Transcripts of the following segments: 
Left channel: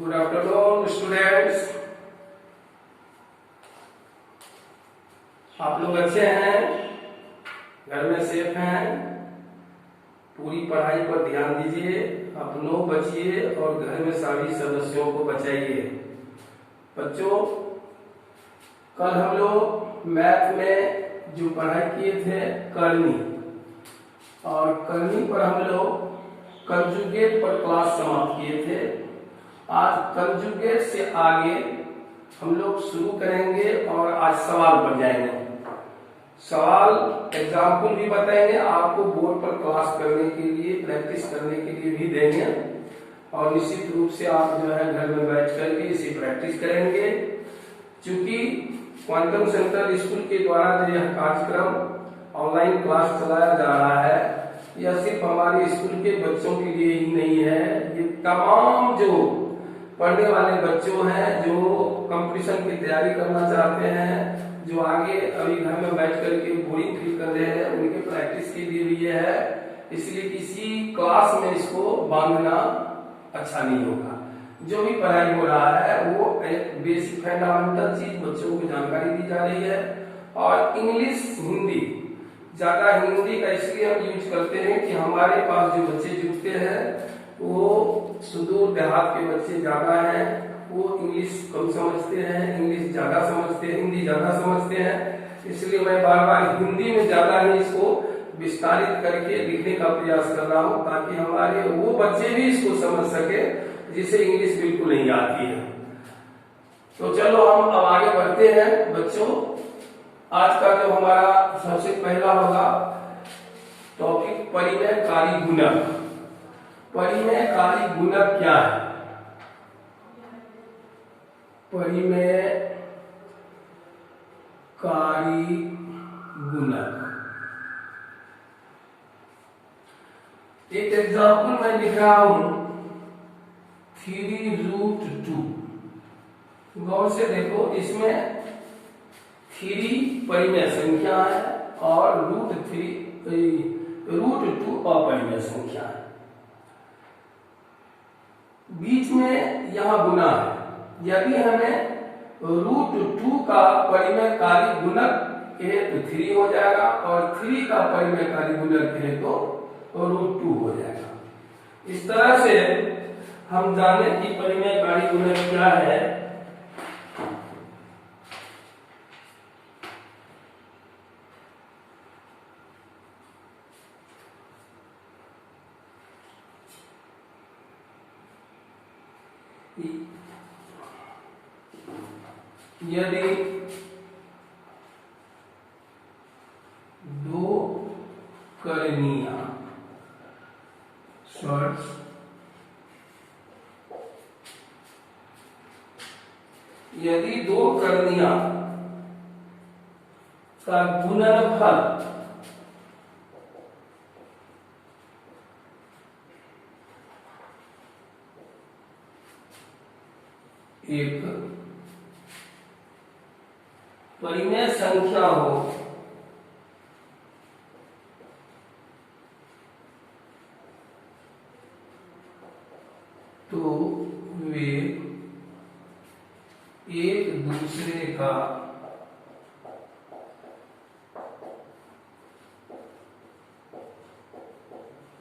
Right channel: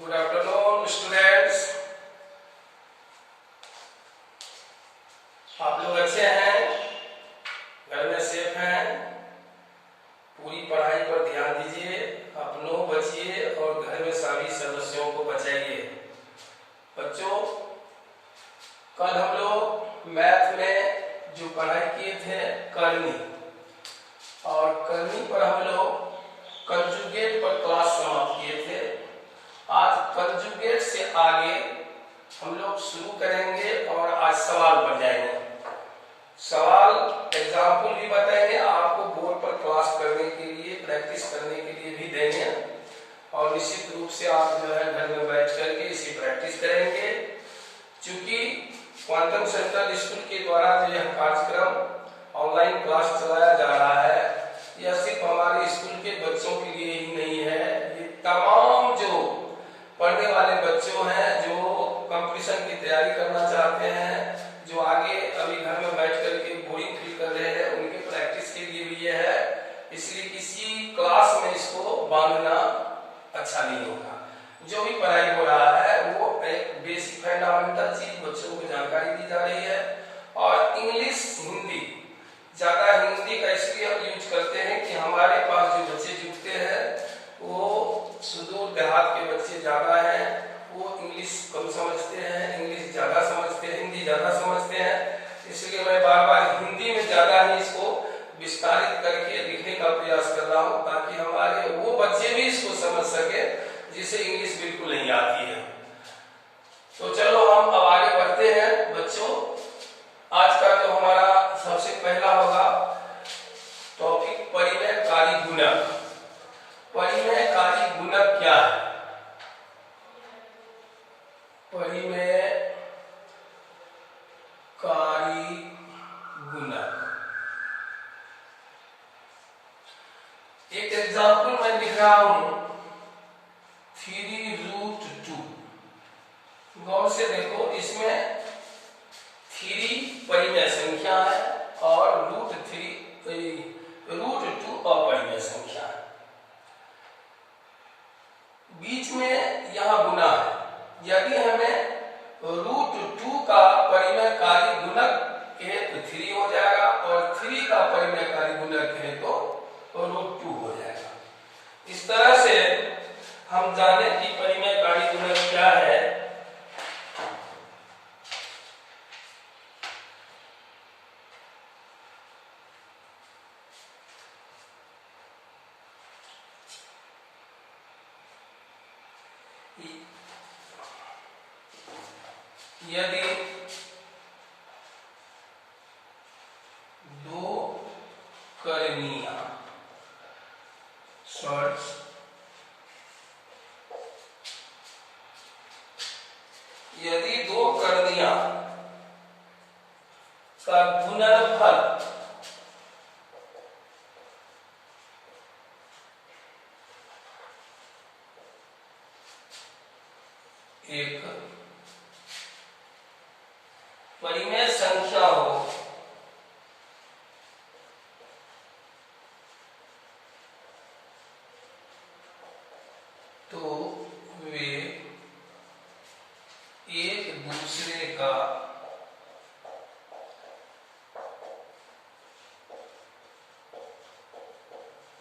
Good afternoon students. आप लोग अच्छे हैं, घर में सेफ हैं, पूरी पढ़ाई पर ध्यान दीजिए, अपनों बचिए और घर में सभी सदस्यों को बचाइए। बच्चों, कल हम लोग मैथ में जो पढ़ाई किए थे करनी, और करनी पर हम लोग कंजुगेट पर क्लास समाप्त किए थे। आज कंजुगेट से आगे हम लोग शुरू करेंगे और आज सवाल पर जाएंगे। सवाल एग्जाम्पल भी बताएंगे, आपको बोर्ड पर क्लास करने के लिए, प्रैक्टिस करने के लिए भी देंगे, और निश्चित रूप से आप जो है घर में बैठ करके इसी प्रैक्टिस करेंगे। चूंकि क्वांटम सेंट्रल स्कूल के द्वारा जो यह कार्यक्रम ऑनलाइन क्लास चलाया जा रहा है, यह सिर्फ हमारे स्कूल के बच्चों के लिए ही नहीं है, ये तमाम जो पढ़ने वाले बच्चों हैं, जो कंपटीशन की तैयारी करना चाहते हैं, जो आगे अभी घर में बैठ करके बोरिंग फील कर रहे हैं, उनके प्रैक्टिस के लिए भी ये है। इसलिए किसी क्लास में इसको बांधना अच्छा नहीं होगा। जो भी पढ़ाई हो रहा है वो एक बेसिक फंडामेंटल चीज बच्चों को जानकारी दी जा रही है। और इंग्लिश हिंदी, ज्यादा हिंदी का इसलिए हम यूज करते हैं कि हमारे पास जो बच्चे जुड़ते हैं वो सुदूर देहात के बच्चे ज्यादा हैं, वो इंग्लिश कम समझते हैं, इंग्लिश ज्यादा समझते हैं, हिंदी ज्यादा समझते हैं। इसलिए मैं बार बार हिंदी में ज्यादा ही इसको विस्तारित करके लिखने का प्रयास कर रहा हूँ, ताकि हमारे वो बच्चे भी इसको समझ सके जिसे इंग्लिश बिल्कुल नहीं आती है। तो चलो हम अब आगे बढ़ते हैं। बच्चों, आज का जो हमारा सबसे पहला होगा टॉपिक परिमेयकारी गुणक। परिमेयकारी गुणक क्या है? परिमेयकारी गुणक एक एग्जाम्पल मैं लिख रहा हूं, 3√2। गौर से देखो, इसमें 3 परिमेय संख्या है और √2 अपरिमेय संख्या है। बीच में यह गुना है। यदि हमें √2 का परिमेयकारी गुणक कहे तो 3 हो जाएगा, और 3 का परिमेयकारी गुणक कहे तो √2 हो जाएगा। इस तरह से हम जाने कि परिमेयकारी गुणक क्या है। यदि दो करणियां यदि दो करणियां का गुणनफल एक परिमेय संख्या हो तो वे एक दूसरे का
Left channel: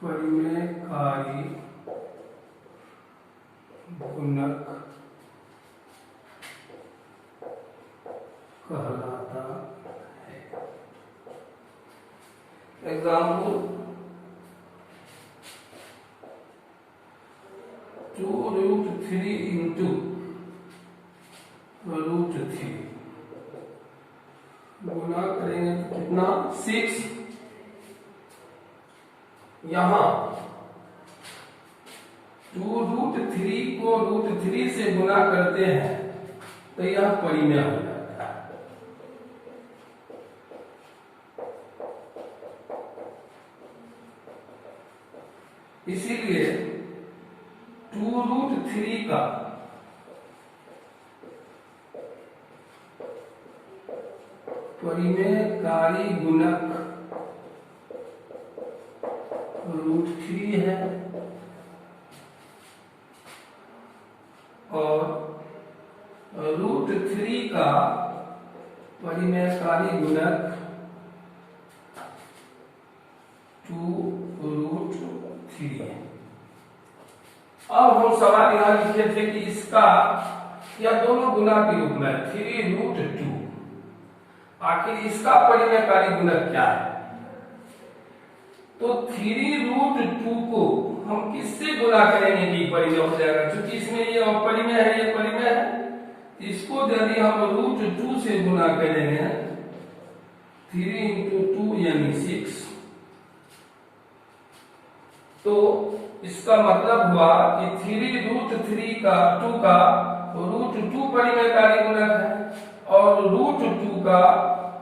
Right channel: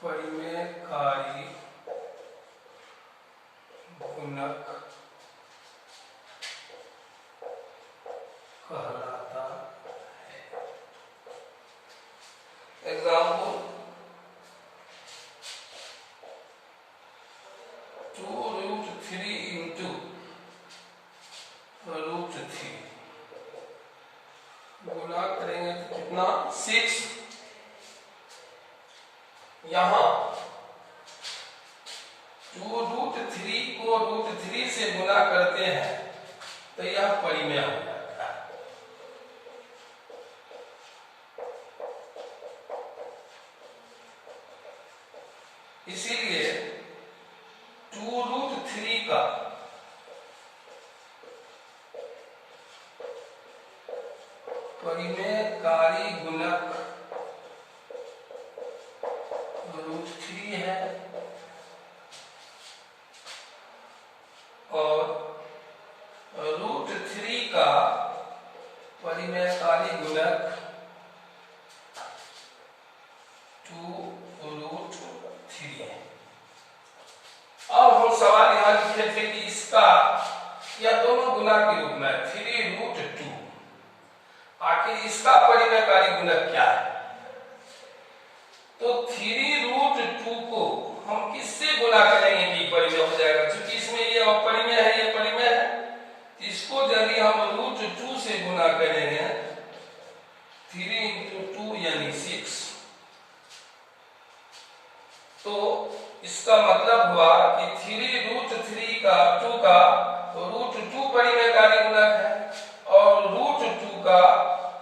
परिमेयकारी गुणक कहलाता है। एग्जाम्पल, 2√3 into √3 गुना करेंगे तो कितना? 6। यहां 2√3 को √3 से गुना करते हैं तो यह परिमेय हो जाता है। इसीलिए 2√3 का परिमेयकारी गुणक √3 है, और √3 का परिमेयकारी गुणक 2√3 है। अब हम सवाल यहाँ लिखे थे कि इसका या दोनों गुना के रूप में 3√2, आखिर इसका परिमेयकारी गुणक क्या है? तो 3√2 को हम किससे गुना करेंगे कि परिमेय हो जाएगा? क्योंकि इसमें ये अपरिमेय है, ये परिमेय है। इसको यदि हम √2 से गुना करेंगे, 3 × 2 यानी 6, तो इसका मतलब हुआ कि 3√3 का 2 का √2 परिमेयकारी गुणक है और √2 का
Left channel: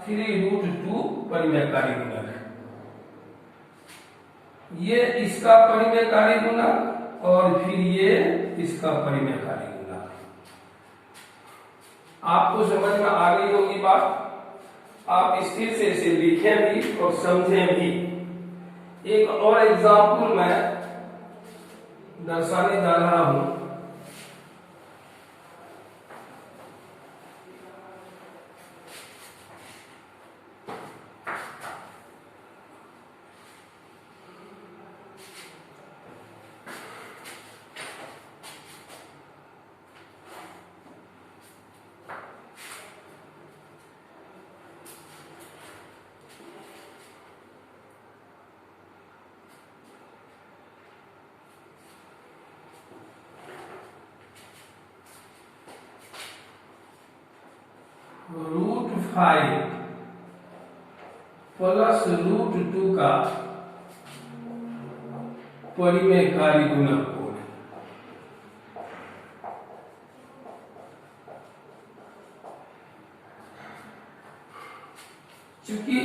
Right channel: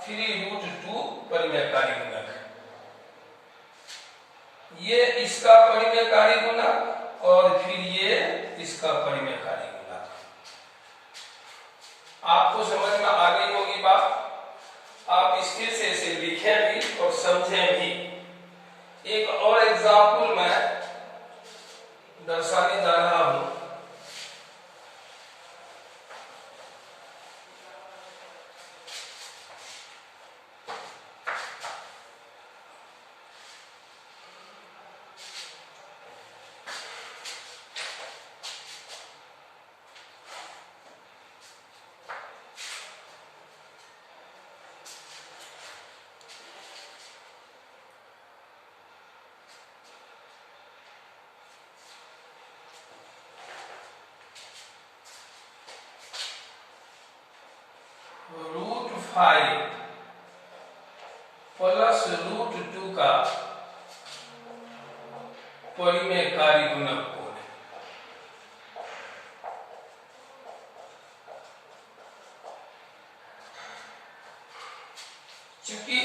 3√2 परिमेयकारी गुणक है। ये इसका परिमेयकारी गुणक और फिर ये इसका परिमेयकारी गुणक। आपको समझ में आ गई होगी बात। आप स्थिर से इसे लिखें भी और समझें भी। एक और एग्जाम्पल मैं दर्शाने जा रहा हूं। √5 प्लस √2 का परिमेयकारी गुणक को क्योंकि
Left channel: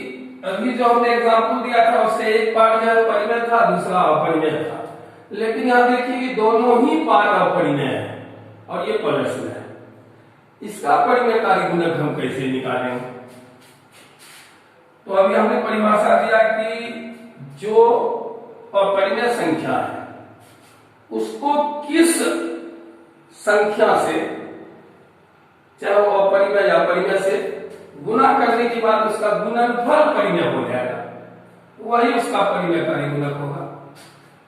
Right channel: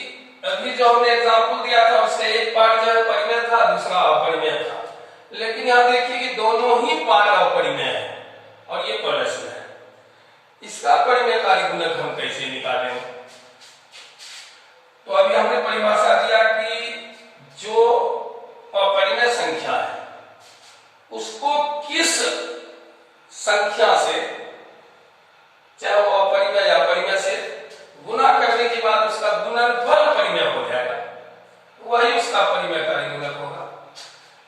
अभी जो हमने एग्जाम्पल दिया था उसका एक पार्ट जो परिमेय था, दूसरा अपरिमेय था। लेकिन यहां देखिए कि दोनों ही पार्ट अपरिमेय है और ये प्लस में है। इसका परिमेयकारी गुणक हम कैसे निकालेंगे? तो अभी हमने परिभाषा दिया कि जो अपरिमेय संख्या है उसको किस संख्या से, चाहे वो अपरिमेय या परिमेय से, गुना करने के बाद उसका गुणनफल परिमेय हो जाएगा, वही उसका परिमेयकारी गुणक होगा।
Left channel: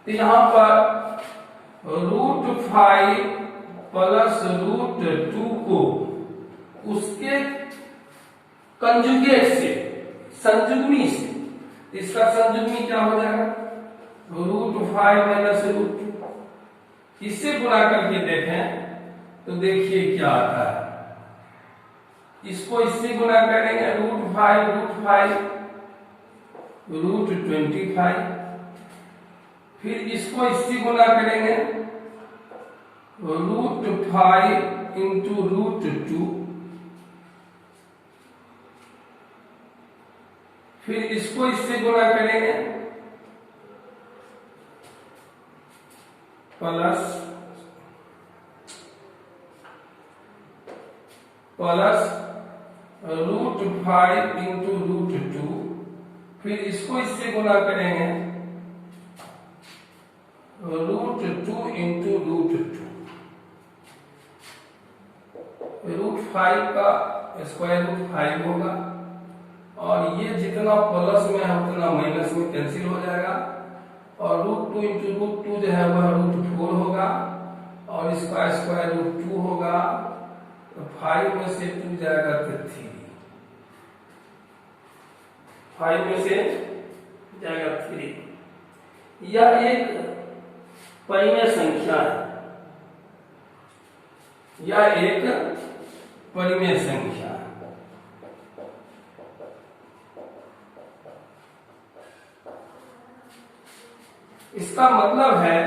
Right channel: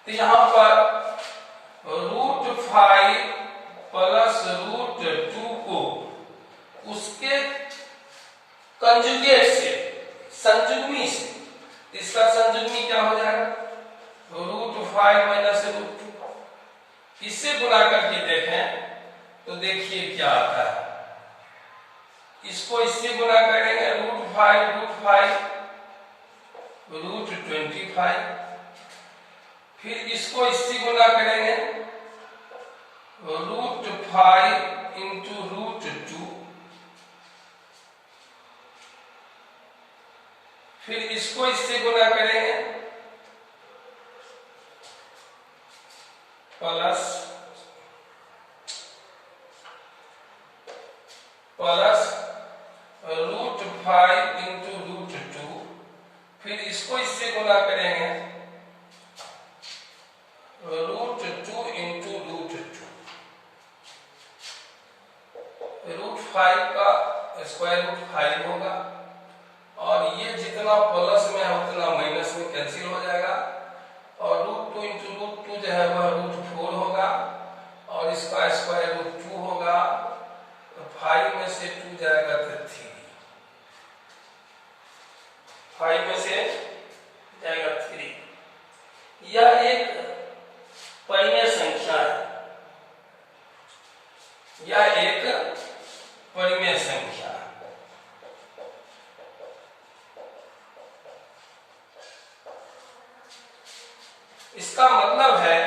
तो यहां पर √5 प्लस √2 को उसके कंजुगेट से, संजुग्मी से, इसका संजुग्मी क्या हो जाएगा? √5 माइनस √2। इससे गुना करके देखें तो देखिए क्या आता है। इसको इससे गुना करेंगे, √5 √25। फिर इसको इससे गुना करेंगे, √5 × √2। फिर इसको इससे गुना करेंगे, प्लस √5 × √2। फिर इसको इससे गुना करेंगे, √2 × √2। √5 का स्क्वायर रूट 5 होगा और ये जितना प्लस में है उतना माइनस में कैंसिल हो जाएगा और √2 × √2 जो है वह √4 होगा और इसका स्क्वायर रूट 2 होगा। तो 5 में से 2 जाएगा तो 3, 5 में से जाएगा 3। यह एक परिमेय संख्या है, यह एक परिमेय संख्या है। इसका मतलब है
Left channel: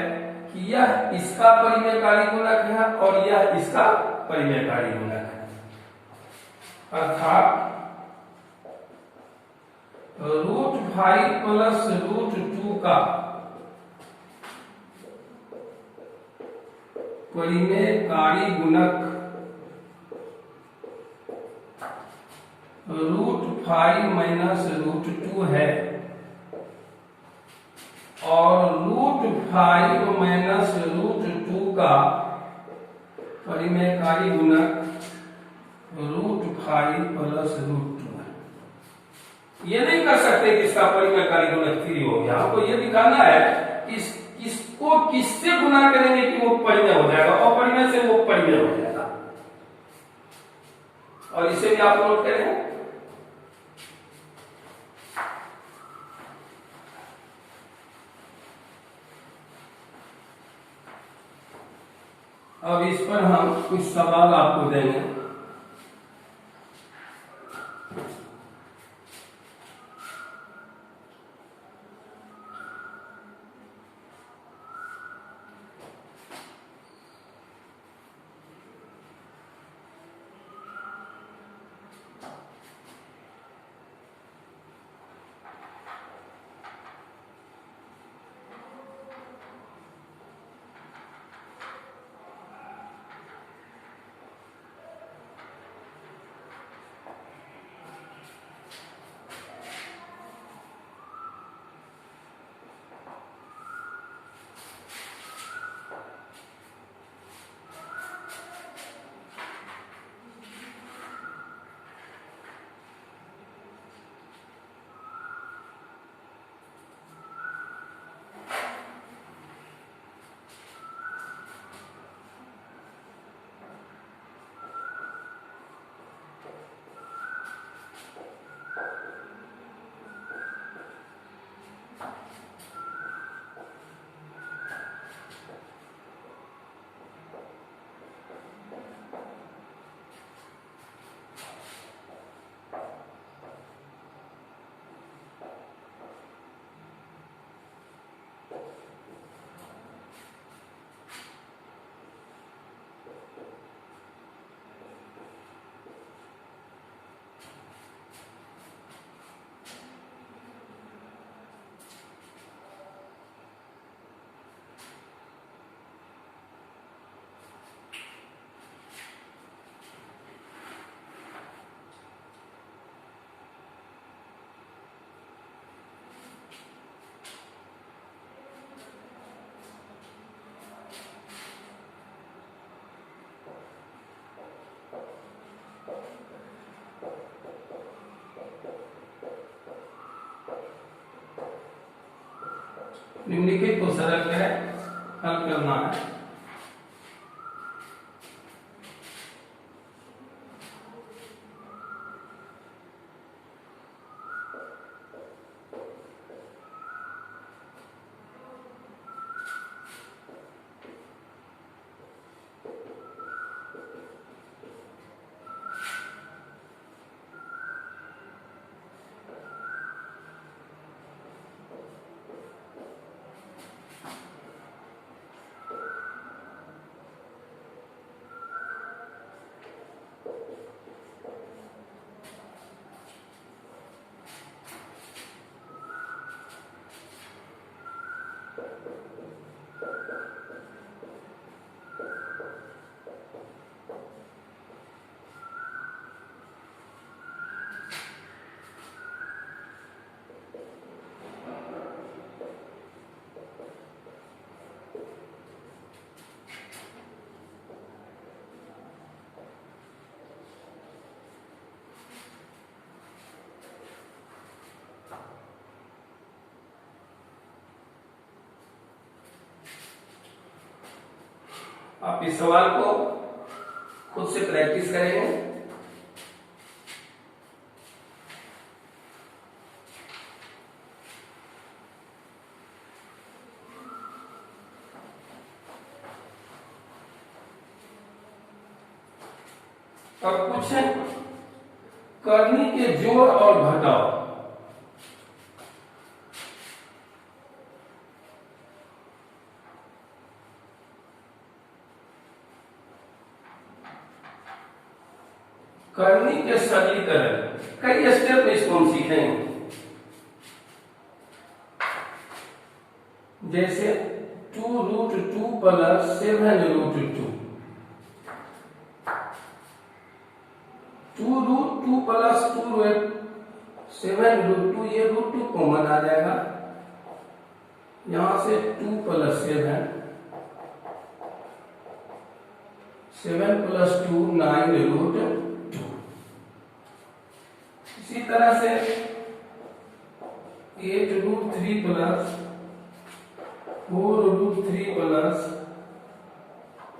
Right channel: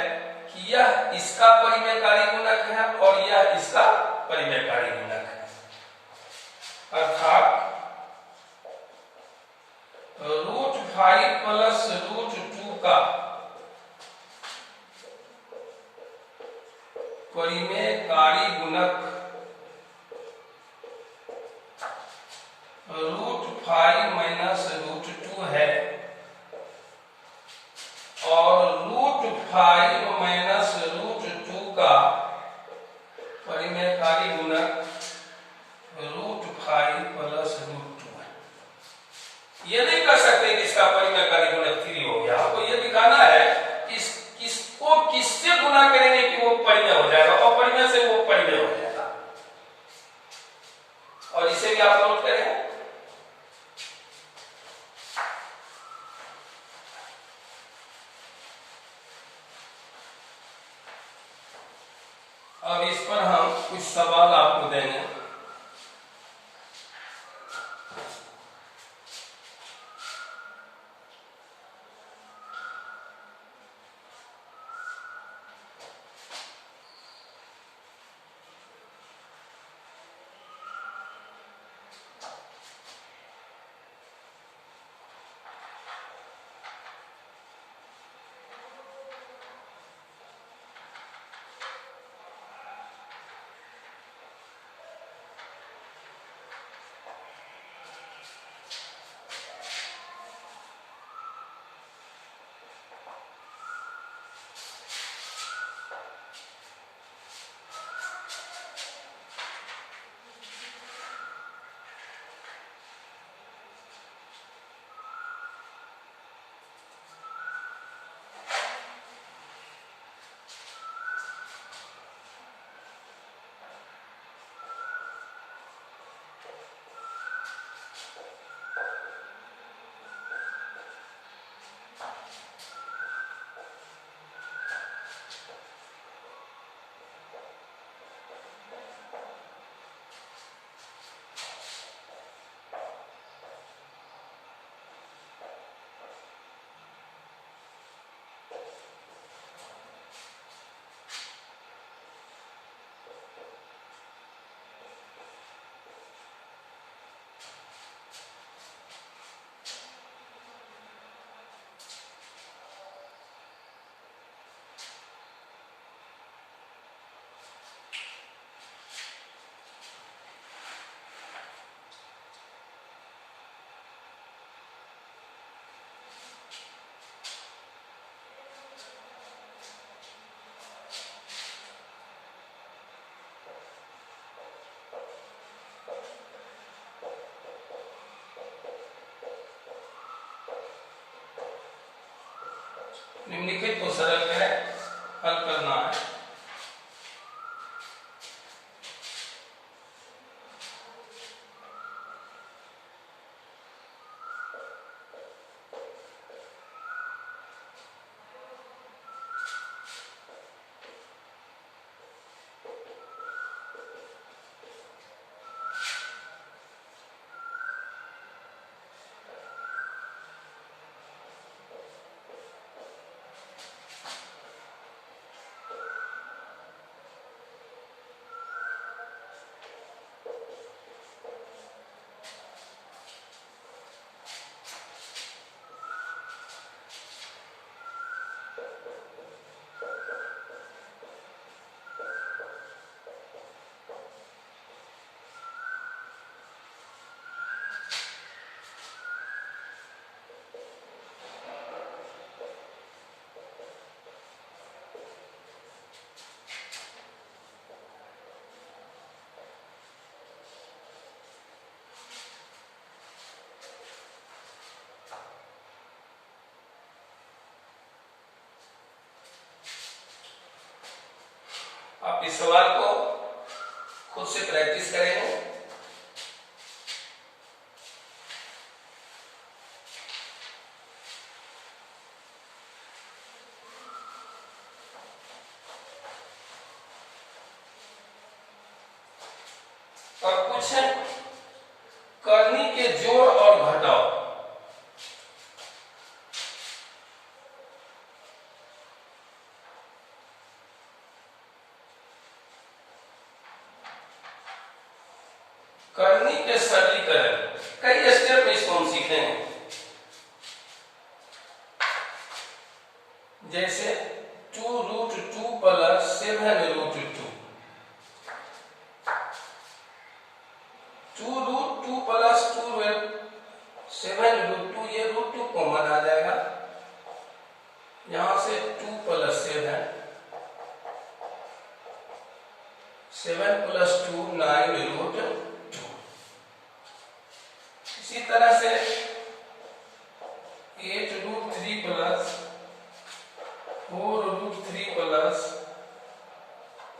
कि यह इसका परिमेयकारी गुणक है और यह इसका परिमेयकारी गुणक है। अर्थात √5 प्लस √2 का परिमेयकारी गुणक √5 माइनस √2 है और √5 माइनस √2 का परिमेयकारी गुणक √5 प्लस √2 है। ये नहीं कर सकते कि इसका परिमेयकारी गुणक 3 हो गया। आपको ये दिखाना है कि किसको किससे गुना करेंगे कि वो परिमेय हो जाएगा, अपरिमेय से वो परिमेय हो जाएगा। और इसे भी आप नोट करें। अब इस पर हम कुछ सवाल आपको देंगे। निम्नलिखित को सरल है हल करना है। आप इस सवाल को खुद से प्रैक्टिस करेंगे। और कुछ करनी के जोड़ और घटाव। करनी के सरलीकरण कई स्टेप में इसको हम सीखेंगे। जैसे 2√2 प्लस 7√2, 2√2 प्लस 7√2, ये √2 कॉमन आ जाएगा। यहां से 2 प्लस 7 7 + 2 9√2। इसी तरह से 8√3 + 4√3 +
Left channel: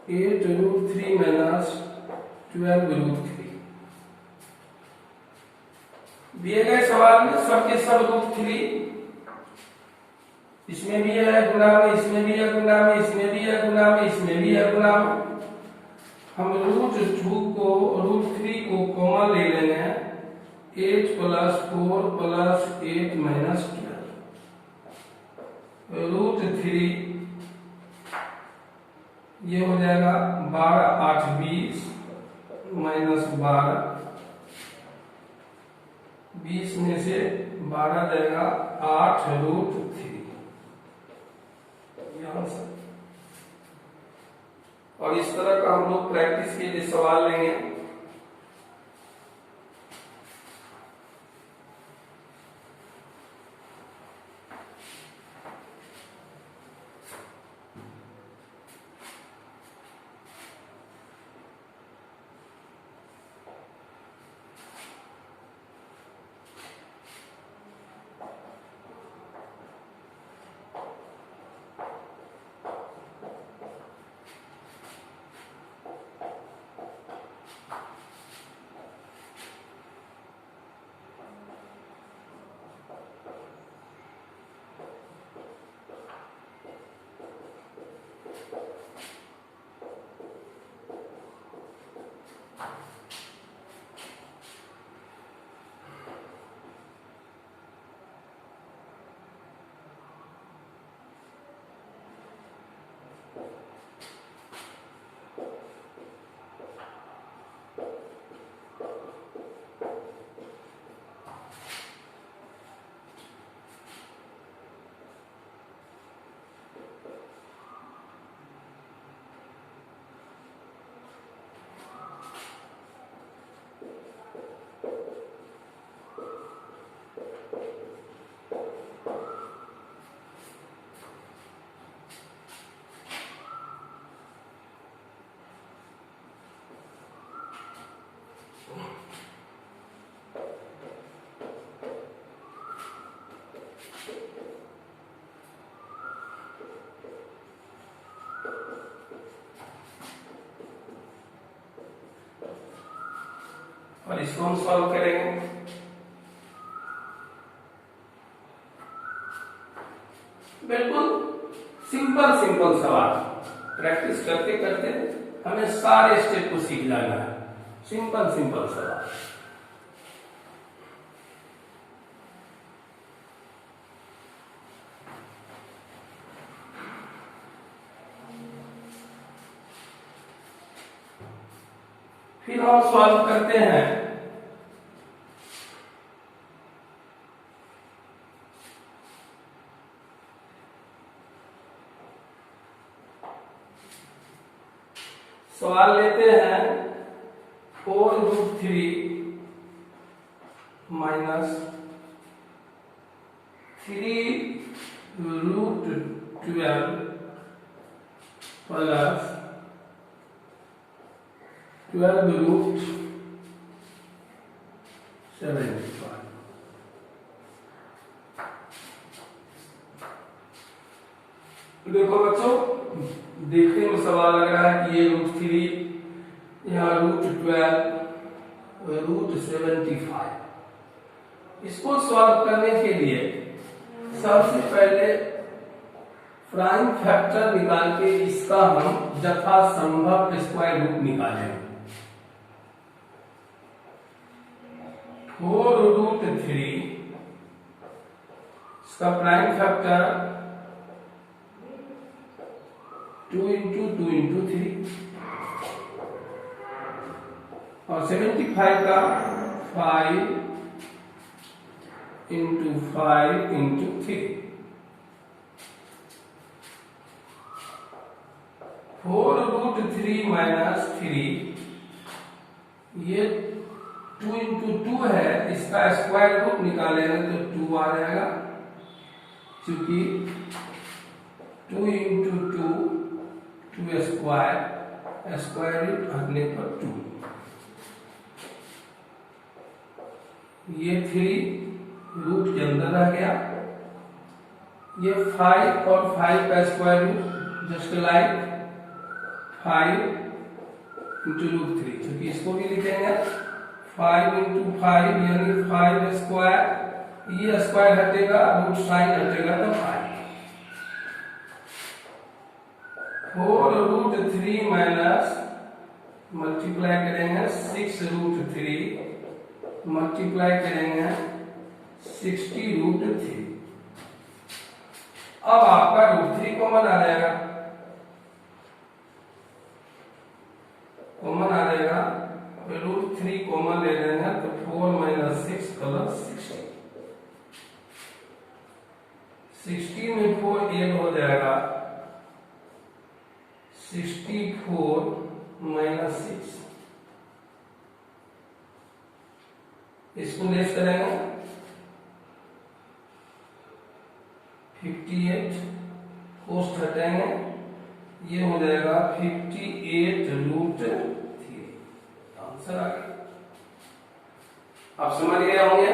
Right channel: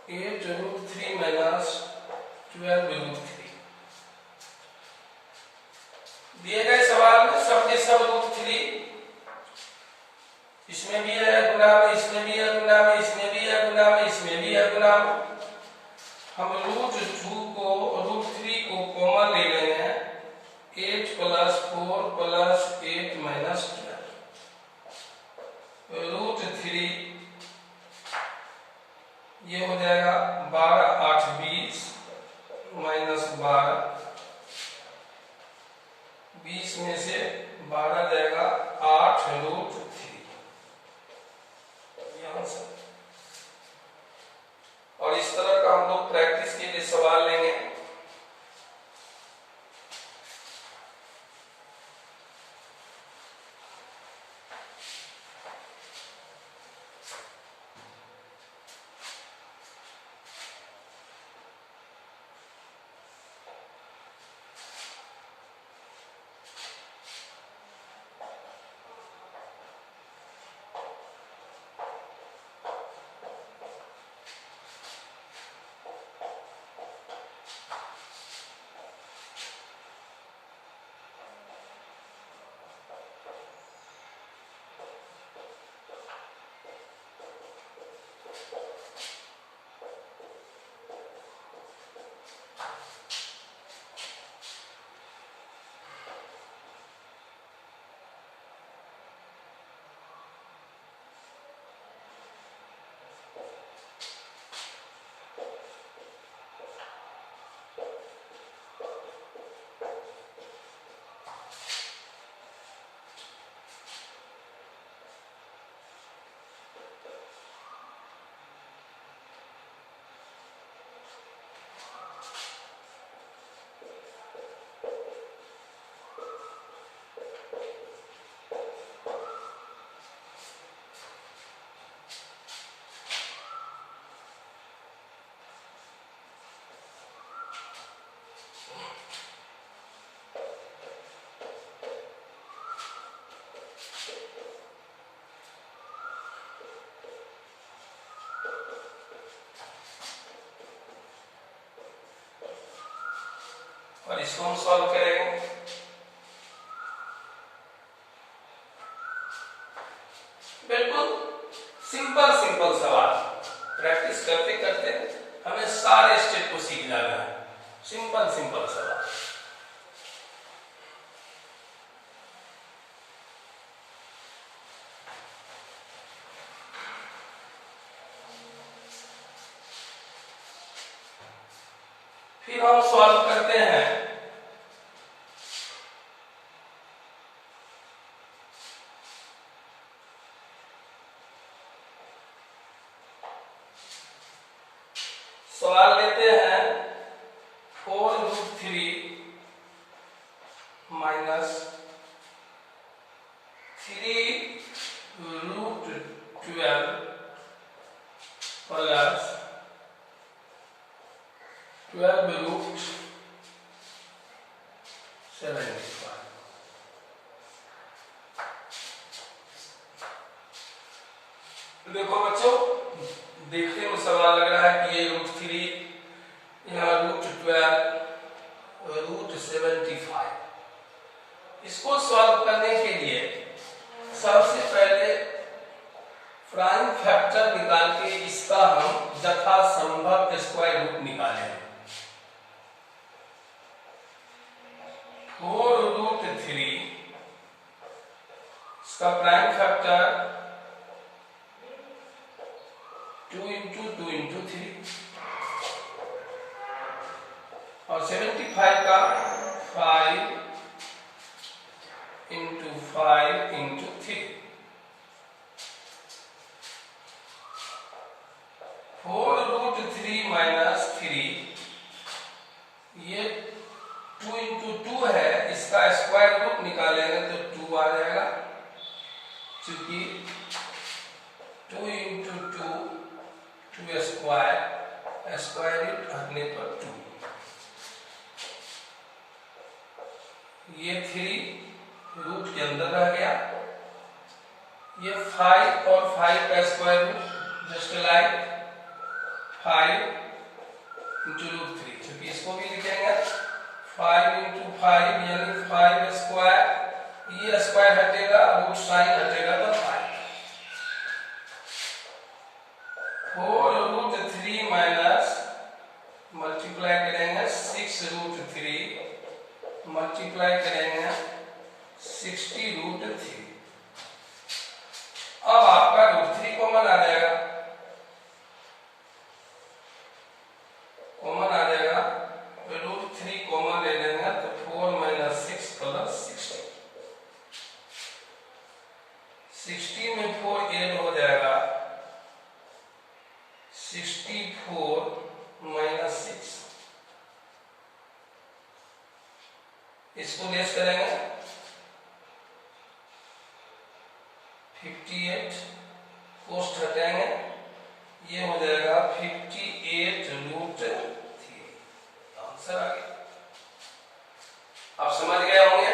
8√3 - 12√3 दिए गए सवाल में सबके सब √3, इसमें भी है गुना में, इसमें भी है गुना में, इसमें भी है गुना में, इसमें भी है गुना में। हम √2 को √3 को कॉमन ले लेंगे, 8 + 4 + 8 - 12 √3 ये हो जाएगा 12 8 20 -12, 20 में से 12 जाएगा 8√3 यहाँ से। और इस तरह का हम लोग प्रैक्टिस के लिए सवाल लेंगे। और इसको हम सॉल्व करेंगे। बिल्कुल सिंपल सिंपल सवाल, प्रैक्टिस करते करते हमें सारे स्टेप को सीख जाना है। सिंपल सिंपल सवाल। फिर हम सॉल्व करते हैं। सवाल लेते हैं 4√3 - 3√12 प्लस 12√75। देखो बच्चों, देखने में सवाल लग रहा है कि ये √3, यहाँ √12, √75। इसको सॉल्व करने के लिए सबसे पहले प्राइम फैक्टर निकाल के इसका हम यथासंभव स्क्वायर रूट निकालें। 4√3 इसका प्राइम फैक्टर 2 × 2 × 3 और 75 का 5 × 5 × 3। 4√3 - 3 ये 2 × 2 है, इसका स्क्वायर रूट निकालेंगे तो 2 आ जाएगा, क्योंकि 2 × 2 2 स्क्वायर स्क्वायर रूट हटने पर 2, ये 3 रूट के अंदर रह गया। ये 5 और 5 का square root just like 5 into root 3, क्योंकि इसको भी लिखेंगे 5 इंटू 5 यानी 5 स्क्वायर, ये स्क्वायर हटेगा, रूट साइन हटेगा तो 5। 4 रूट 3 माइनस मल्टीप्लाई करेंगे 6 रूट 3 मल्टीप्लाई करेंगे 60 रूट 3। अब आपका रूट 3 कॉमन आ जाएगा, कॉमन आ जाएगा, रूट 3 कॉमन ले लेंगे तो 4 माइनस 6 प्लस 60 में 4 ऐड हो जाएगा, 64 माइनस 6, इसको लेस करेंगे 58, कोष्ट हटाएंगे, ये हो जाएगा 58 रूट 3। आंसर आ गया। आप समझ गए होंगे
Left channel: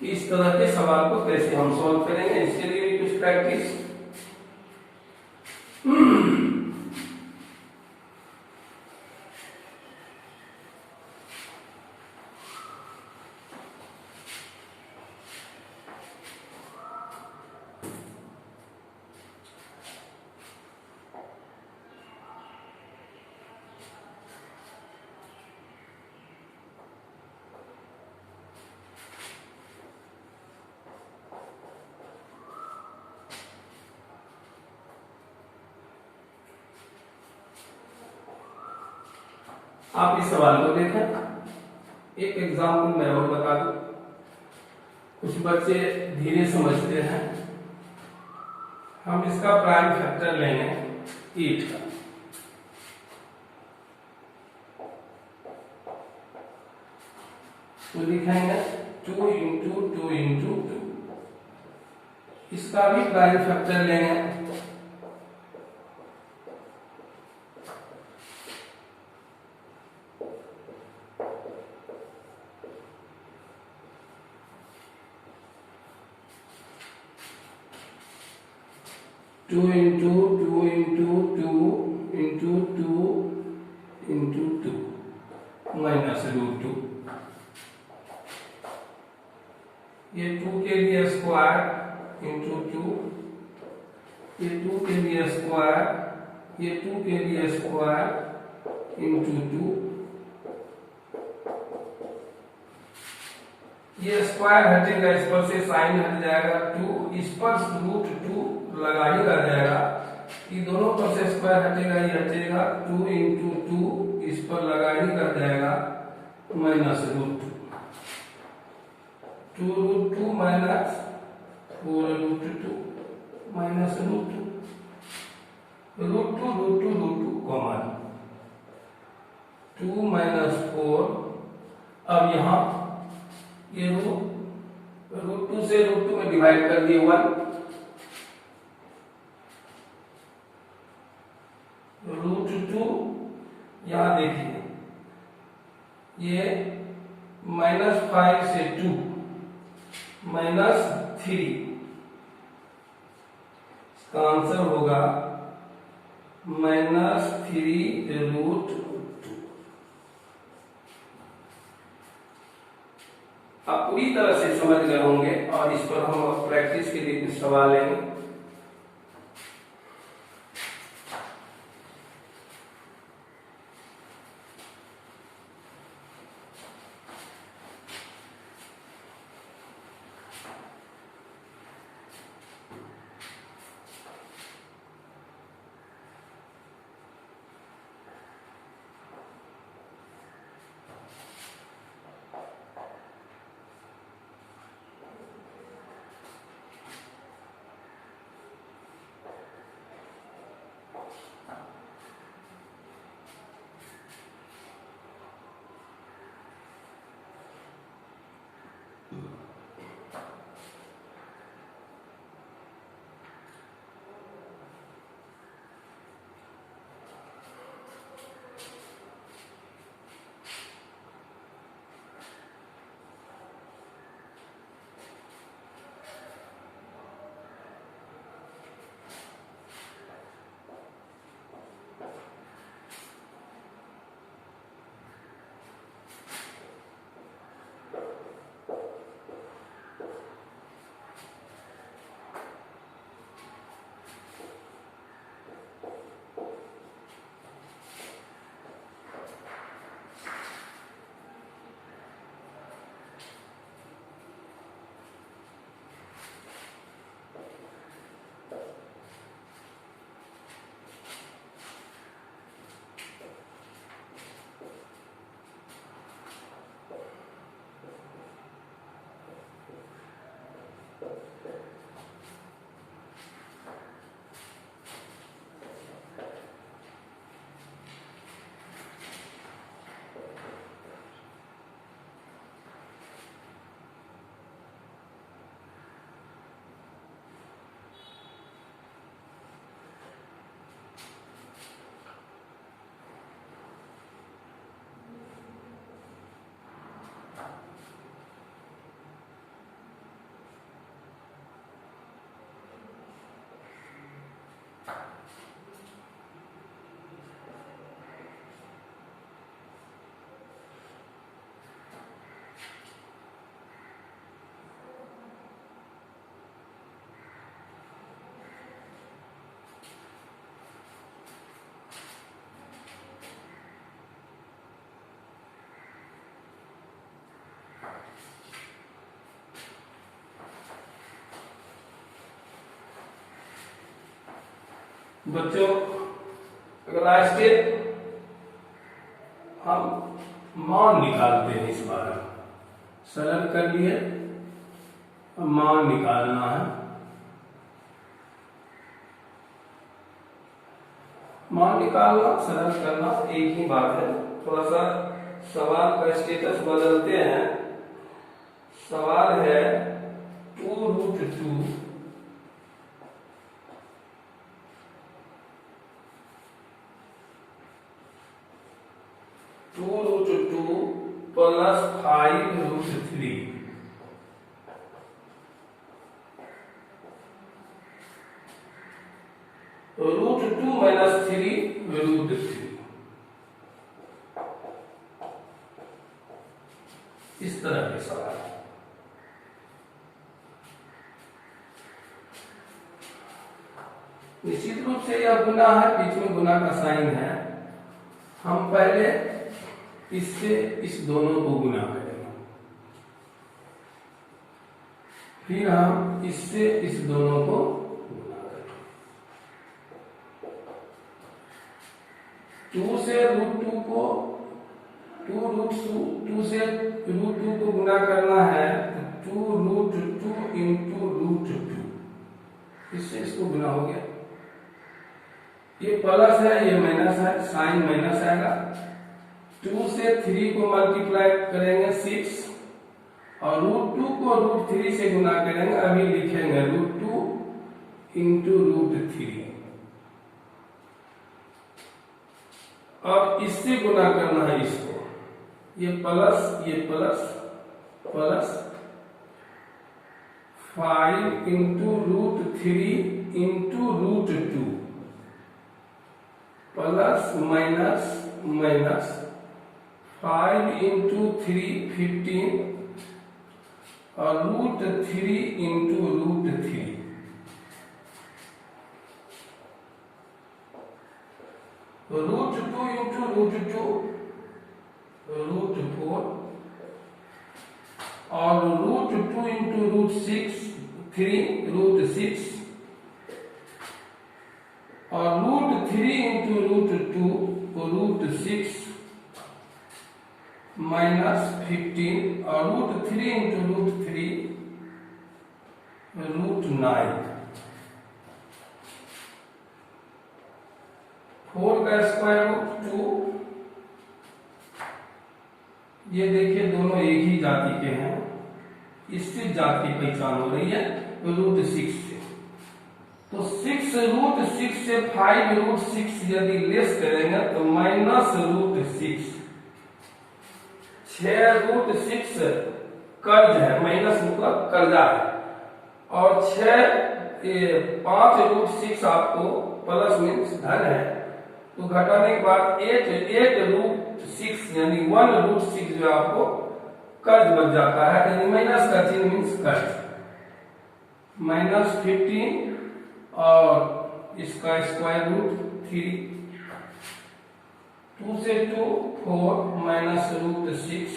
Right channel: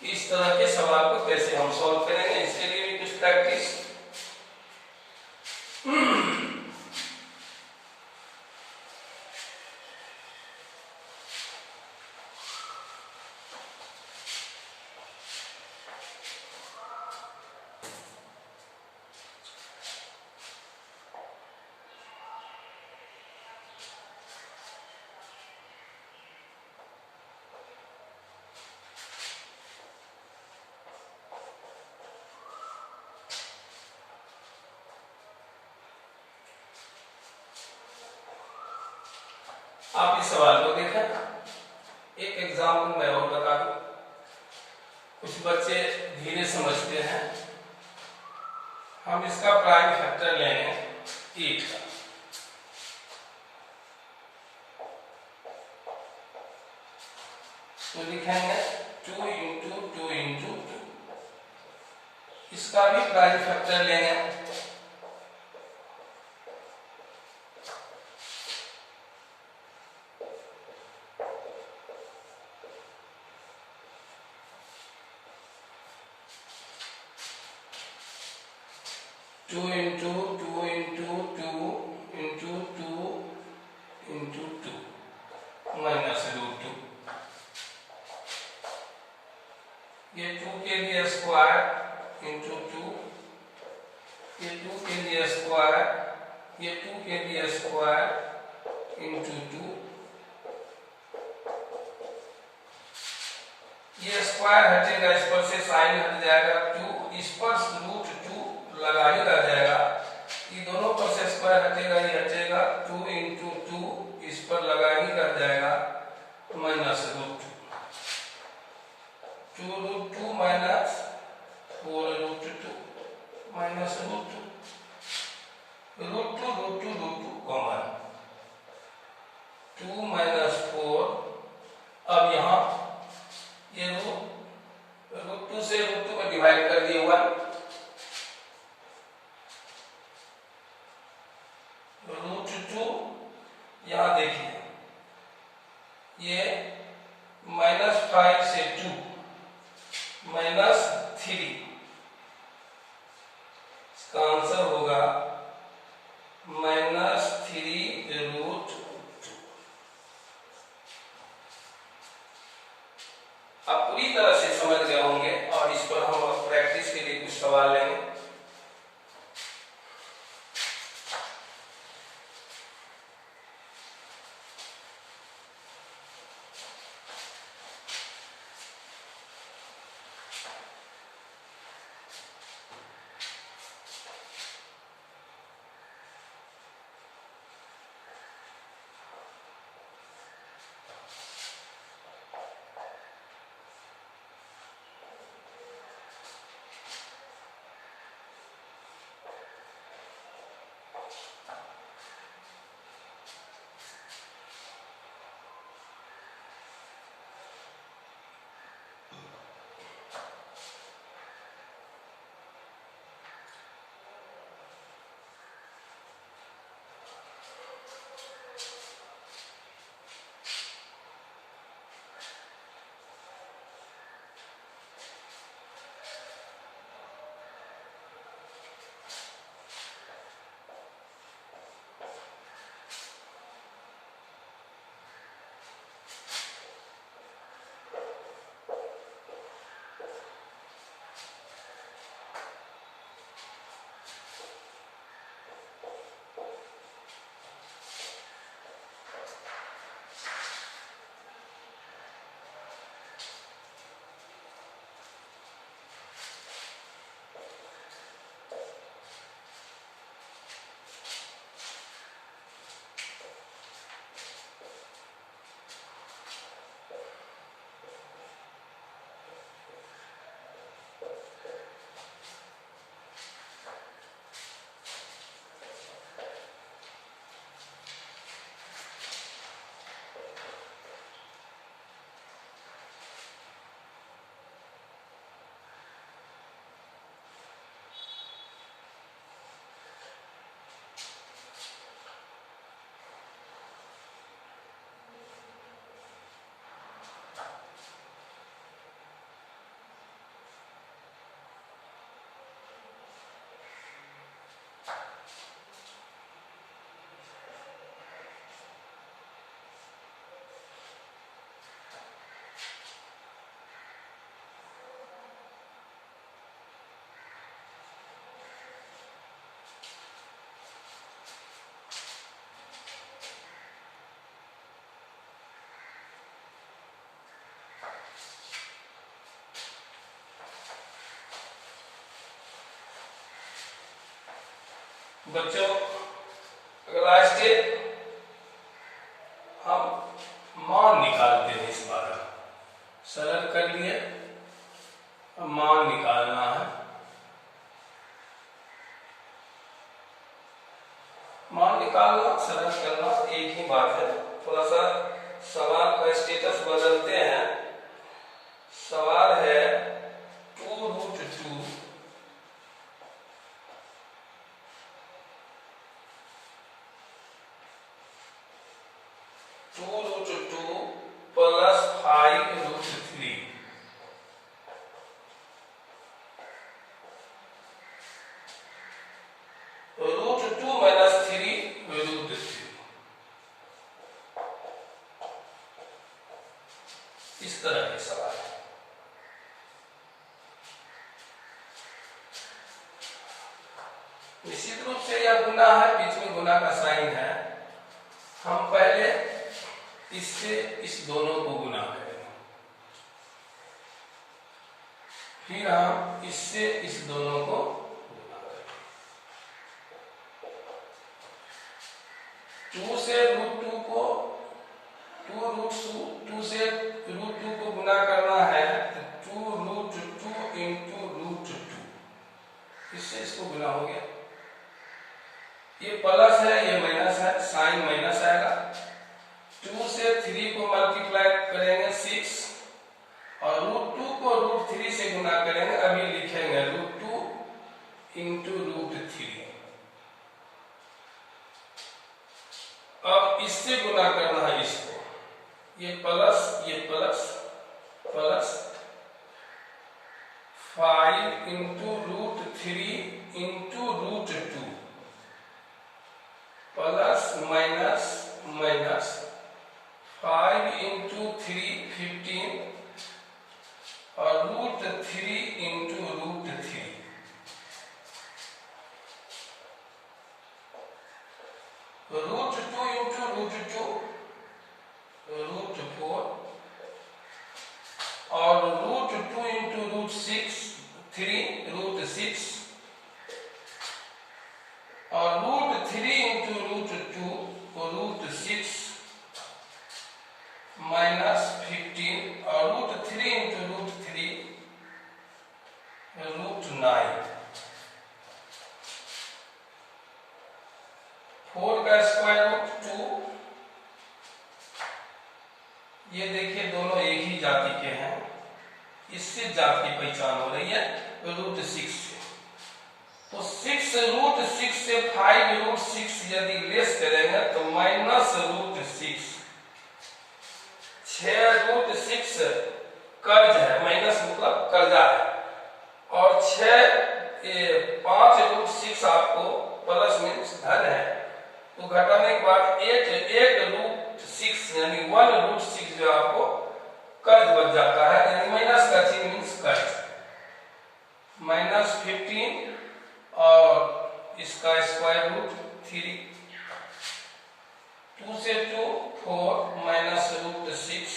कि इस तरह के सवाल को कैसे हम सॉल्व करेंगे। इसके लिए भी कुछ प्रैक्टिस आप इस सवाल को देखें। एक एग्जाम्पल मैं और बता दूं, कुछ बच्चे धीरे समझते हैं। हम इसका प्राइम फैक्टर लेंगे 8 का, तो लिखेंगे 2 इंटू 2 इंटू 2। इसका भी प्राइम फैक्टर लेंगे, two into 2 into 2 into 2 into 2 minus root 2। ये 2 के लिए स्क्वायर इंटू 2, ये 2 के लिए स्क्वायर, ये 2 के लिए स्क्वायर इंटू 2। ये स्क्वायर हटेगा, इस पर से साइन हट जाएगा 2, इस पर रूट 2 लगा ही रह जाएगा। ये दोनों पर से स्क्वायर हटेगा, ये हटेगा 2 इंटू 2, इस पर लगा ही रह जाएगा minus root 2 root 2 minus 4 root 2 minus root 2 root 2 root 2 root 2 common 2 minus 4। अब यहाँ ये रूट 2 से रूट 2 में डिवाइड कर दिए 1, रूट 2 यहाँ देखिए, ये -5 से 2 -3, इसका आंसर होगा -3 रूट 2। आप पूरी तरह से समझ गए होंगे और इस पर हम अब प्रैक्टिस के लिए कुछ सवाल लेंगे। बच्चों अगला स्टेप हम मान निकालते हैं। इस बार सरल कर लिए, अब मान निकालना है। मान निकालना सरल करना एक ही बात है। थोड़ा सा सवाल का स्टेटस बदलते हैं। सवाल है 2√2 2√2 प्लस 5√3 √2 माइनस 3√3 इस तरह के सवाल। निश्चित रूप से यह गुना है, बीच में गुना का साइन है। हम पहले इससे इस दोनों को गुना करेंगे, फिर हम इससे इस दोनों को गुना करेंगे। 2 से √2 को 2 से √2 को गुना करना है तो 2√2 इंटू √2, इससे इसको गुना हो गया। ये प्लस है, ये माइनस है, साइन माइनस आएगा। 2 से 3 को मल्टीप्लाई करेंगे 6 और √2 को √3 से गुना करेंगे। अभी लिखेंगे √2 इंटू √3। अब इससे गुना करना है इसको, ये plus plus 5 into √3 into √2 plus minus minus 5 into 3 15 और √3 इंटू √3 √2 इंटू √2 √4 और √2 इंटू √6 3√6 और √3 इंटू √2 √6 माइनस 15 और √3 इंटू √3 √9। 4 का स्क्वायर रूट 2। ये देखिए दोनों एक ही जाति के हैं, इससे जाति की पहचान हो रही है √6 से। तो 6√6 से 5√6 यदि लेस करेंगे तो -√6। 6√6 कर्ज है, माइनस मतलब कर्जा है, और 5√6 आपको प्लस मीन्स धन है। तो घटाने के बाद 8√6 यानी 1√6 जो आपको कर्ज बच जाता है, यानी माइनस का चिन्ह मीन्स कर्ज। -15 और इसका स्क्वायर रूट 3। 2 से 2 4 -√6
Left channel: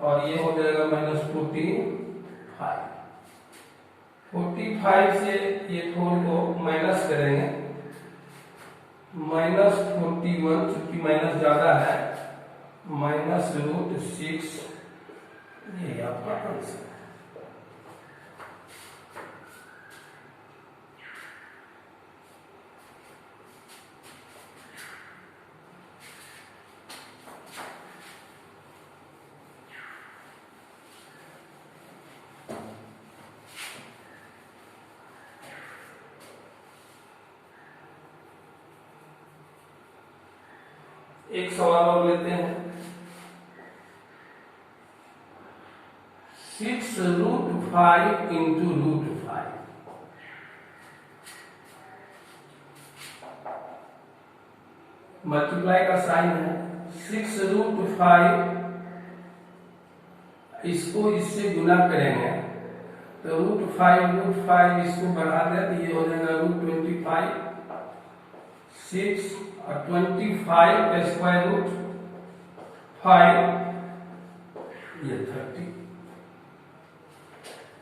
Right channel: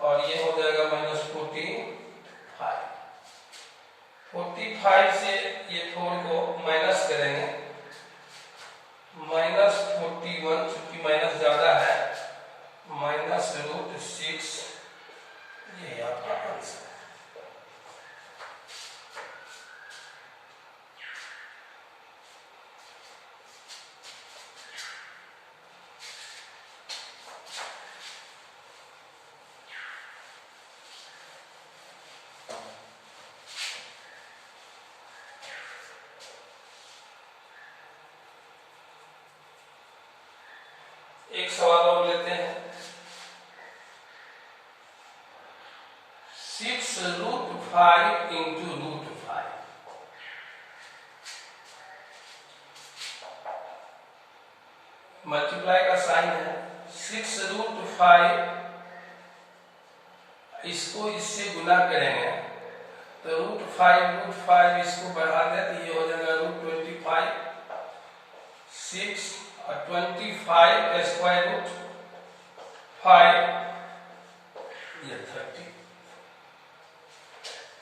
और ये हो जाएगा -45। 45 से ये 4 को माइनस करेंगे, -41, चूंकि माइनस ज्यादा है, -√6। ये आपका आंसर है। एक सवाल और लेते हैं। 6√5 इंटू √5। मल्टीप्लाई का साइन है। 6√5 इसको इससे गुना करेंगे तो √5 इसको बढ़ा दें तो ये हो जाएगा √25। 6 और 25 का स्क्वायर रूट 5, ये 30।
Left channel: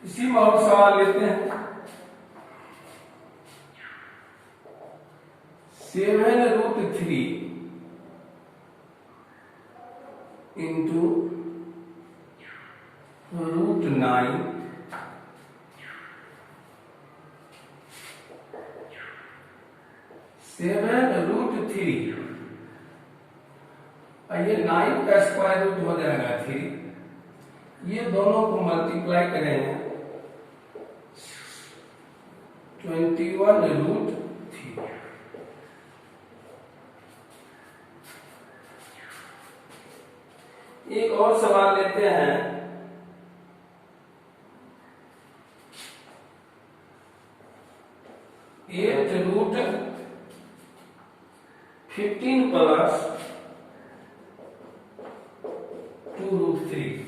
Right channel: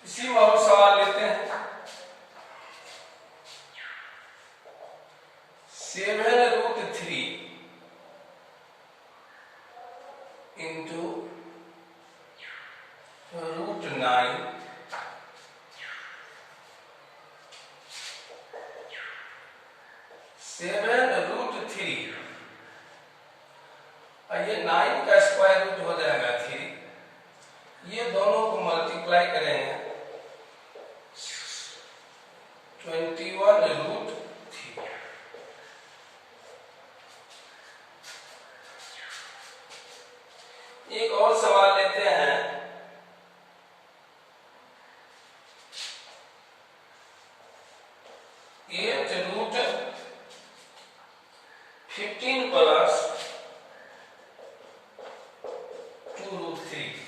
इसी में और सवाल लेते हैं। 7√3 into √9 7√3 और ये 9 का स्क्वायर रूट हो जाएगा 3। ये दोनों को मल्टीप्लाई करेंगे 21√3। एक और सवाल लेते हैं। 8√15 प्लस 2√3।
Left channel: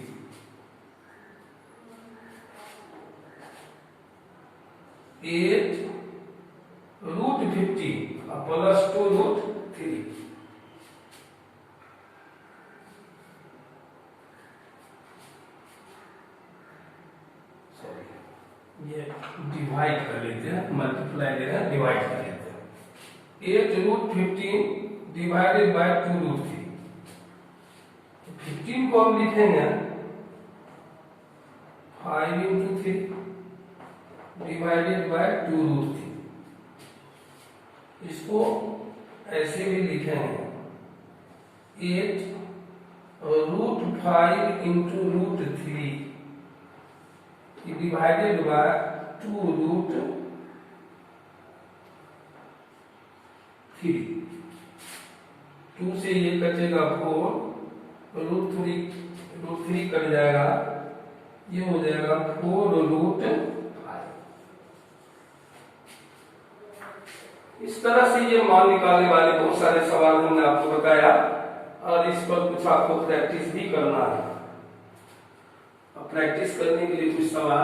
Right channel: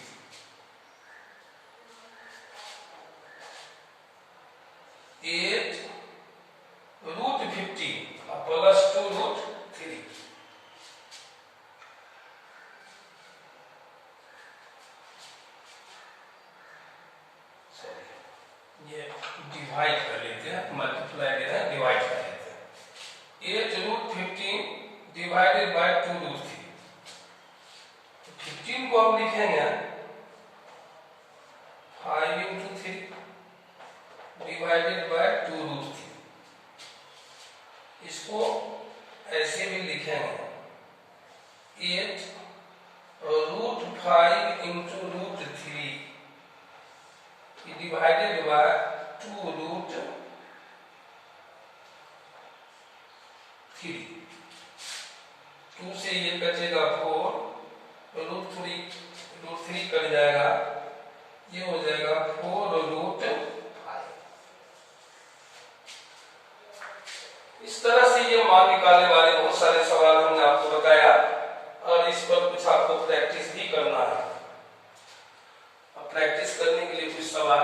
8√15 प्लस 2√3। ये डिवाइड कर लेते हैं, मल्टीप्लाई ले रहे हैं, डिवाइड कर लेते हैं। 8√15 डिवाइडेड बाय 2√3। 15 को हम लिखेंगे 5 into 3 डिवाइडेड बाय 2√3। इसको ऐसे भी लिखेंगे 8√5 into √3 डिवाइडेड बाय 2√3। 2 से ये बचेगा 4, √3 कट जाएगा, ये हो जाएगा 4√5। इस तरह से ये मान निकालने वाले बहुत सारे सवाल हमने आपको बताया और इस पर कुछ आपको प्रैक्टिस भी करना है। प्रैक्टिस करने के लिए कुछ सवाल।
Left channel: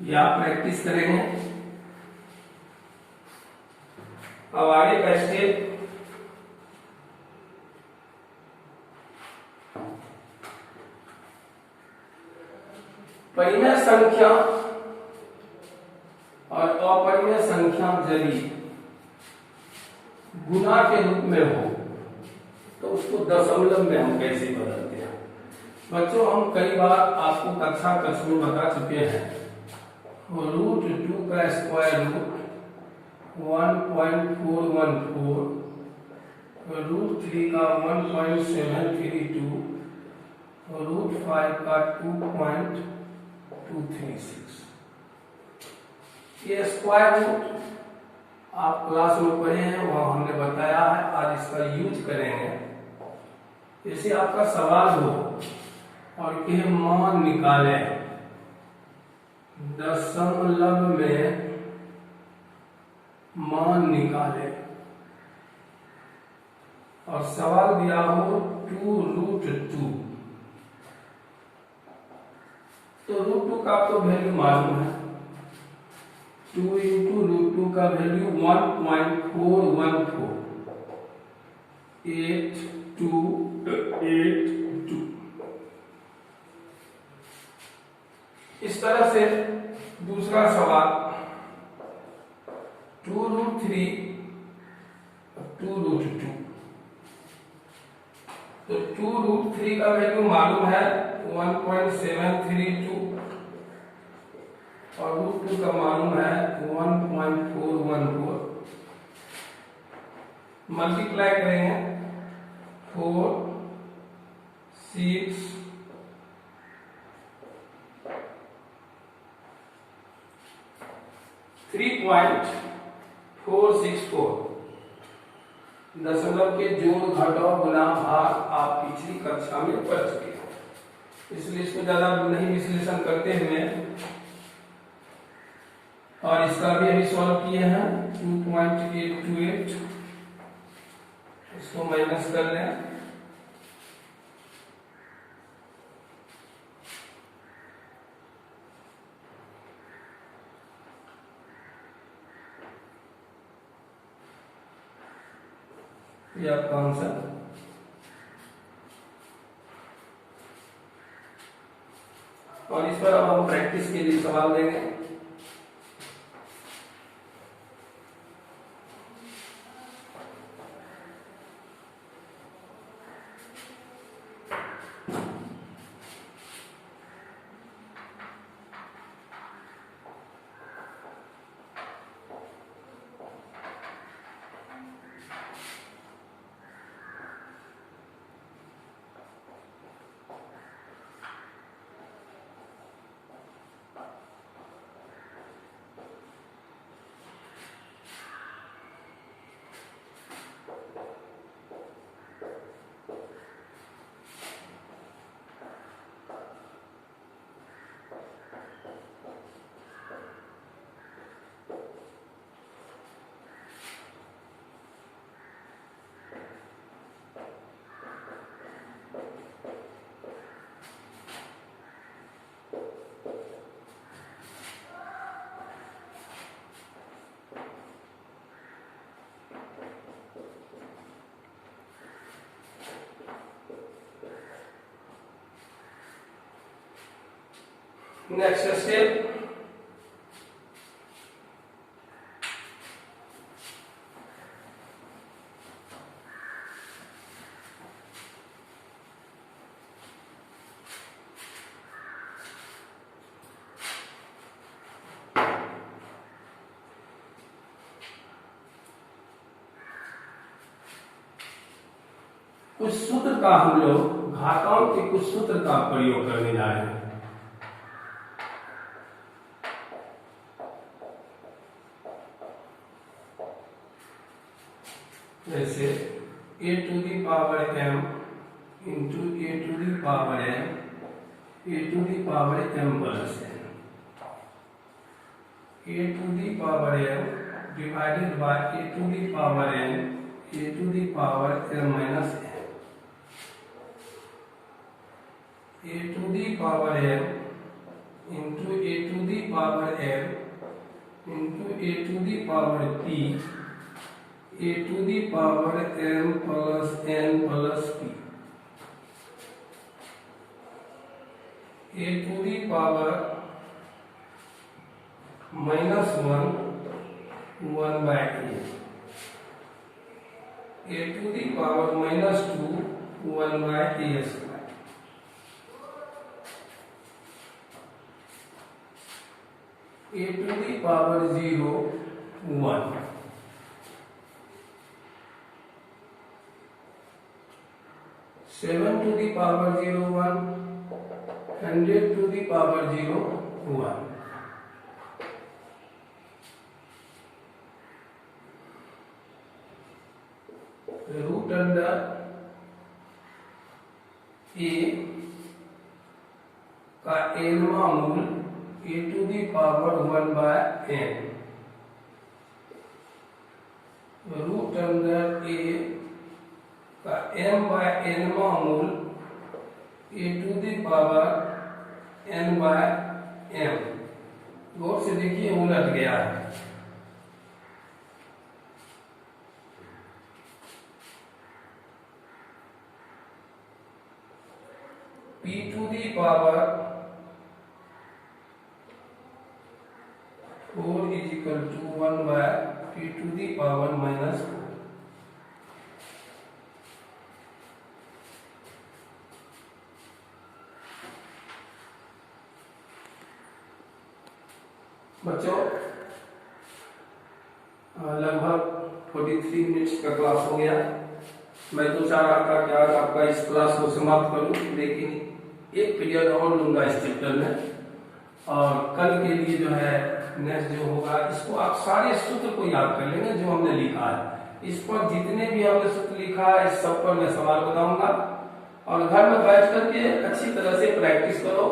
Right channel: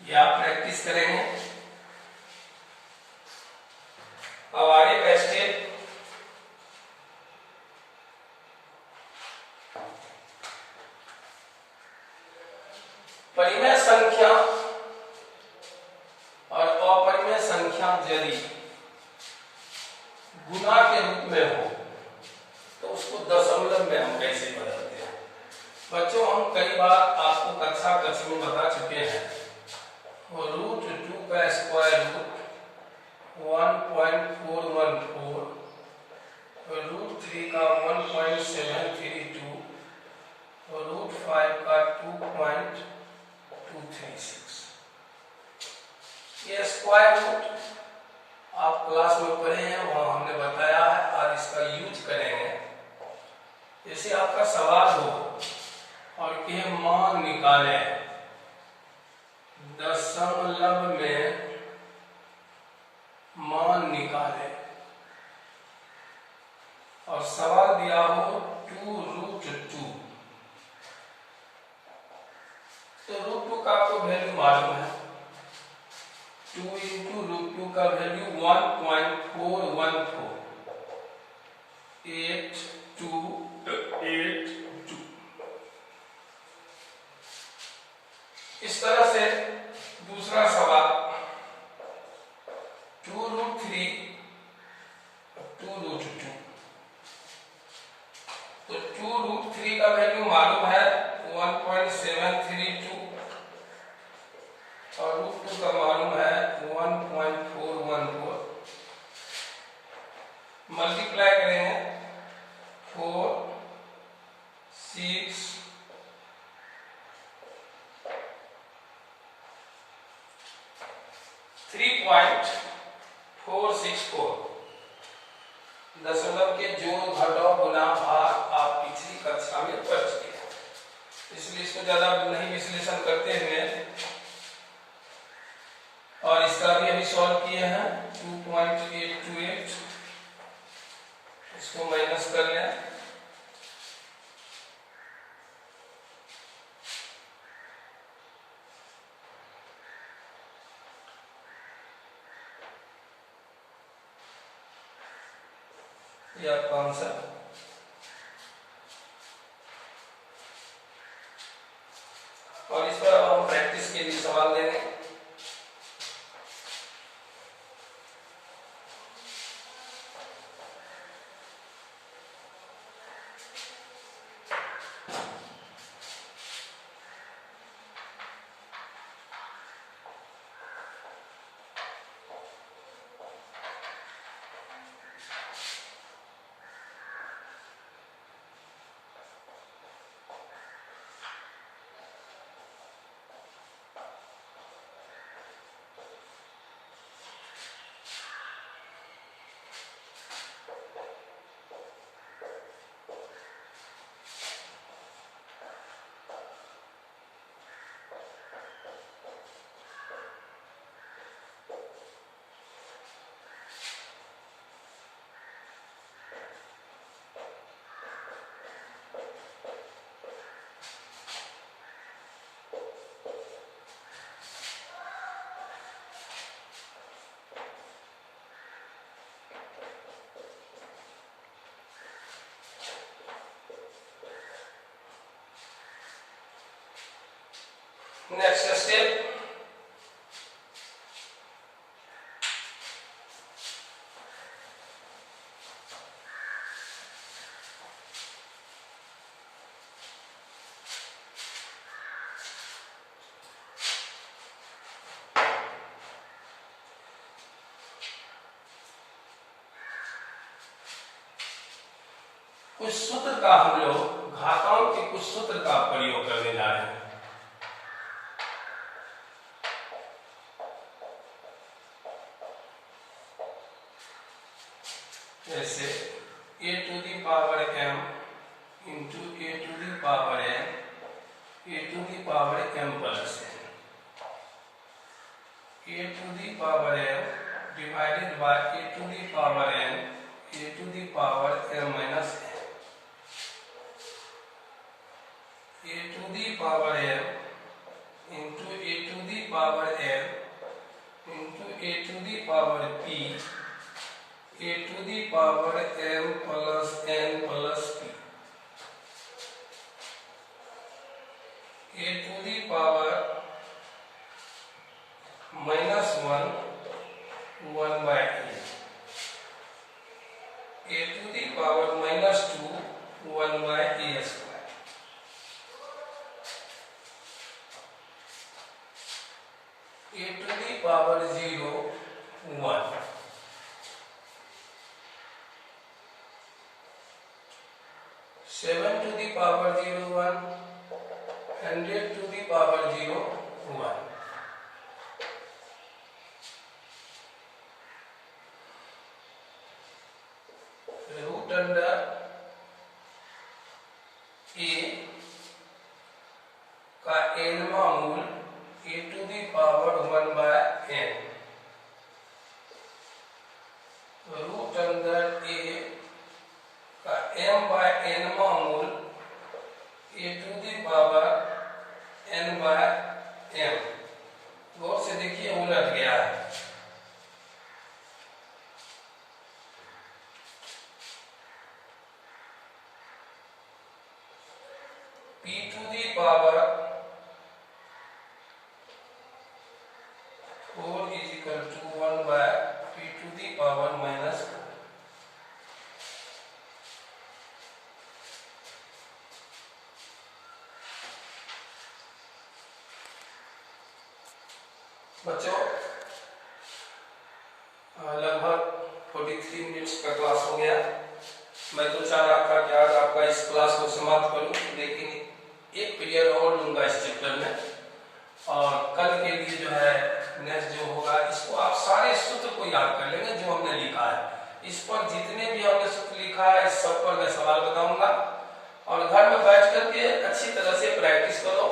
ये आप प्रैक्टिस करेंगे। अब आगे का स्टेप परिमेय संख्या और अपरिमेय संख्या यदि गुना के रूप में हो तो उसको दशमलव में हम कैसे बदलते हैं। बच्चों, हम कई बार आपको कक्षा कक्ष में बता चुके हैं। √2 का स्क्वायर रूट 1.414, √3 का 1.732, √5 का 2.236। ये स्क्वायर रूट आप क्लास में पढ़े हैं, वहां हमने बताया है और इसका यूज करेंगे। जैसे आपका सवाल हो और के मान निकालें दशमलव में मान निकाले और सवाल दिया हो 2√2, तो √2 का आपको वैल्यू मालूम है। 2 इंटू √2 का वैल्यू 1.414, 8282। इस तरह से दूसरा सवाल 2√3 2√2, तो 2√3 का वैल्यू मालूम है 1.732 और √2 का मालूम है 1.414। मल्टीप्लाई करेंगे 4 6 3.464। दशमलव के जोड़ घटाव गुणा भाग आप पिछली कक्षा में पढ़ चुके हैं, इसलिए इसको ज्यादा नहीं विश्लेषण करते हुए, और इसका भी अभी सॉल्व किए हैं 2.828। इसको माइनस कर लें, ये आपका आंसर। और इस पर अब हम प्रैक्टिस के लिए सवाल देंगे। नेक्स्ट स्टेप, कुछ सूत्र का हम लोग घातांक के कुछ सूत्र का प्रयोग करने जा रहे हैं। जैसे a to the power m into a to the power n a to the power m plus n, a to the power m divided by a to the power n a to the power m minus n, a to the power m into a to the power m into a to the power p a to the power m plus n plus p, a to the power -1 1 by a to the power -2 1 by a square, a to the power 0 1, seven to the power 0 1, 100 to the power 0 1, root under a का nवां मूल a to the power 1 by n, root under a का m/n मूल a to the power n/m। गौर से देखिए उलट गया है। p to the power 4 is equal to 1 by p to the power minus 4। बच्चों लगभग 43 मिनट्स का क्लास हो गया। मैं तो चाह रहा था कि आज आपका इस क्लास को समाप्त करूं, लेकिन एक पीरियड और लूंगा इस चैप्टर में, और कल के लिए जो है नेक्स्ट जो होगा इसको आप सारे सूत्र को याद कर लेंगे जो हमने लिखा है। इस पर जितने भी हमने सूत्र लिखा है इस सब पर मैं सवाल बताऊंगा, और घर में बैठ करके अच्छी तरह से प्रैक्टिस करो।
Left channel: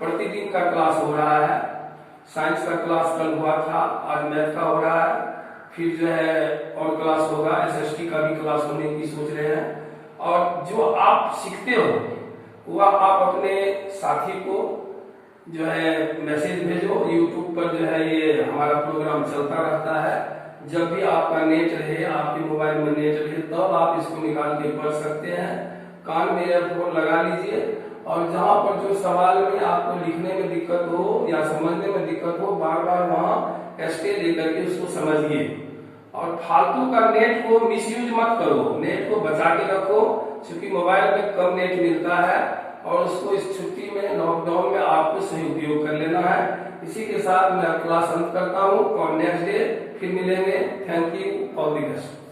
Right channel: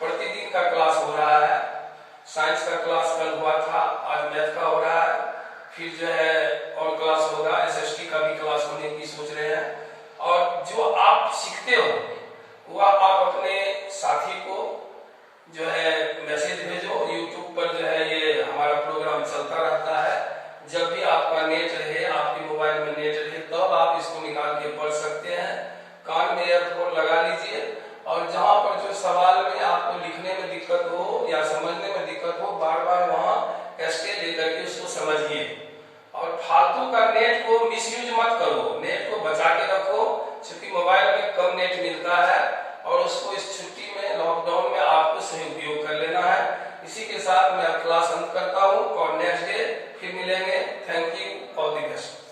प्रतिदिन का क्लास हो रहा है, साइंस का क्लास कल हुआ था, आज मैथ का हो रहा है, फिर जो है और क्लास होगा, एसएसटी का भी क्लास होने की सोच रहे हैं। और जो आप सीखते हो वह आप अपने साथी को जो है मैसेज भेजो। यूट्यूब पर जो है ये हमारा प्रोग्राम चलता रहता है, जब भी आपका नेट रहे, आपके मोबाइल में नेट रहे, तब आप इसको निकाल के पढ़ सकते हैं। कान में ईयरफोन लगा लीजिए, और जहाँ पर जो सवाल में आपको लिखने में दिक्कत हो या समझने में दिक्कत हो, बार बार वहाँ टेस्टे लेकर के उसको समझिए। और फालतू का नेट को मिसयूज मत करो, नेट को बचा के रखो, क्योंकि मोबाइल में कम नेट मिलता है, और उसको इस छुट्टी में लॉकडाउन में आपको सही उपयोग कर लेना है। इसी के साथ मैं क्लास अंत करता हूँ, और नेक्स्ट डे फिर मिलेंगे। Thank you, all the best.